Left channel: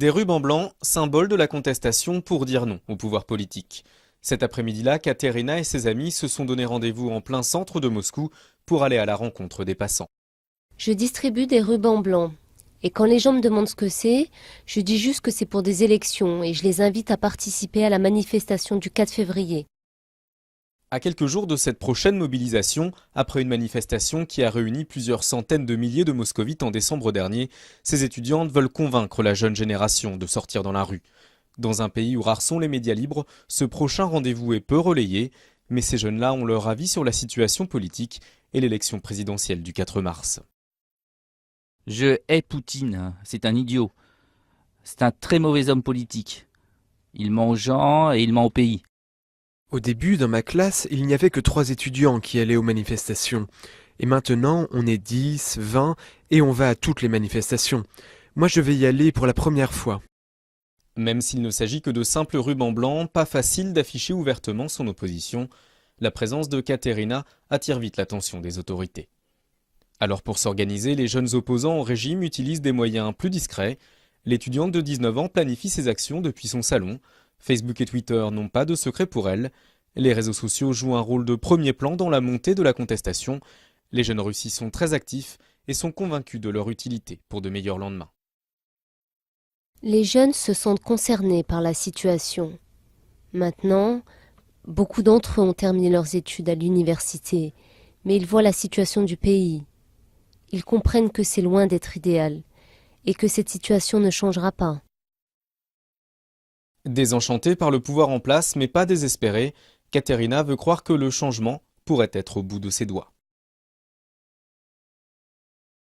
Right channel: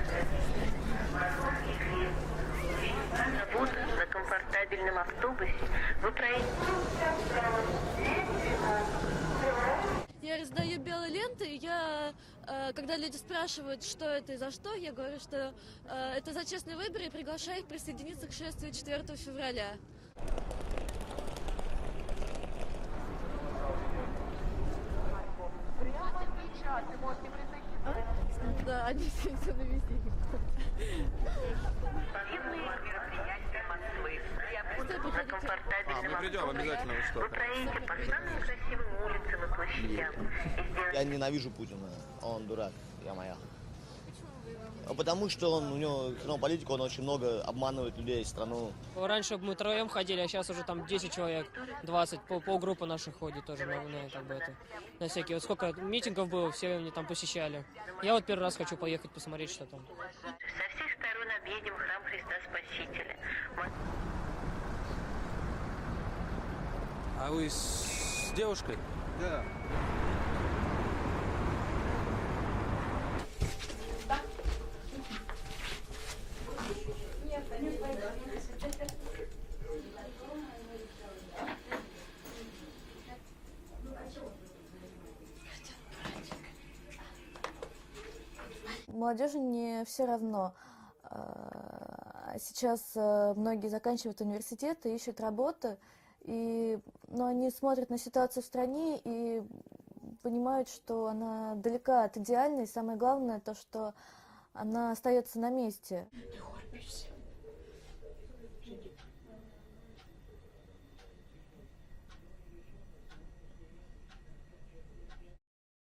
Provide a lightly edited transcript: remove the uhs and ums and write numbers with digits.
Des rubans blancs, symbole de la contestation pour dire non au pouvoir politique. Cet après-midi-là, Katerina et ses amis se sont donné rendez-vous en plein centre de Moscou pour aller à la rencontre des passants. Je distribue des rubans blancs. Et quand les gens me demandent ce que c'est, je dis juste que c'est pour des élections et je les invite à participer à la manifestation du 4 février. À quelques jours de cette prochaine mobilisation, après une manifestation qui a réuni plusieurs centaines de milliers de moscovites en décembre dernier, ces étudiantes veulent convaincre la jeune génération de sortir dans la rue. Dans un pays où rares sont les médias libres, ce prochain rendez-vous est peu relayé, mais ces jeunes-là ont leur avis sur la situation politique et l'élection présidentielle du 4 mars. Je hais Poutine, c'est un idiot. C'est un très mauvais homme politique. Il ment aux gens et il ment au pays. Au début, dans ma classe, il n'y avait que 3 étudiants qui allaient aux manifestations. Et maintenant, on est 10, 20 et on va à toutes les manifestations. Moi, je vais y aller pour la première fois. Même s'il ne s'agit que de simples rubans blancs, pas facile d'afficher ouvertement son opposition. La présence de Katerina attire vite l'attention des autorités. Alors pour s'organiser, les jeunes opposants au régime utilisent des moyens plus discrets. L'étudiante de 19 ans planifie ses actions depuis son salon. Facebook et Twitter n'ont pas de secret pour elle. Les réseaux sociaux jouent un rôle de premier plan dans la montée de la contestation. Les jeunes Russes y sont très actifs et sont convaincus de leur utilité pour de meilleurs lendemains. Les jeunes se sentent concernés par la situation. Maintenant, beaucoup d'entre eux ont terminé leurs études à l'université, mais ils voient la situation du pays. Ils comprennent que c'est loin d'être idéal et que cette situation ne changera pas. Désenchantée par le pouvoir en place, mais pas désespérée, Katerina veut croire que le changement pourrait être au bout de ses doigts.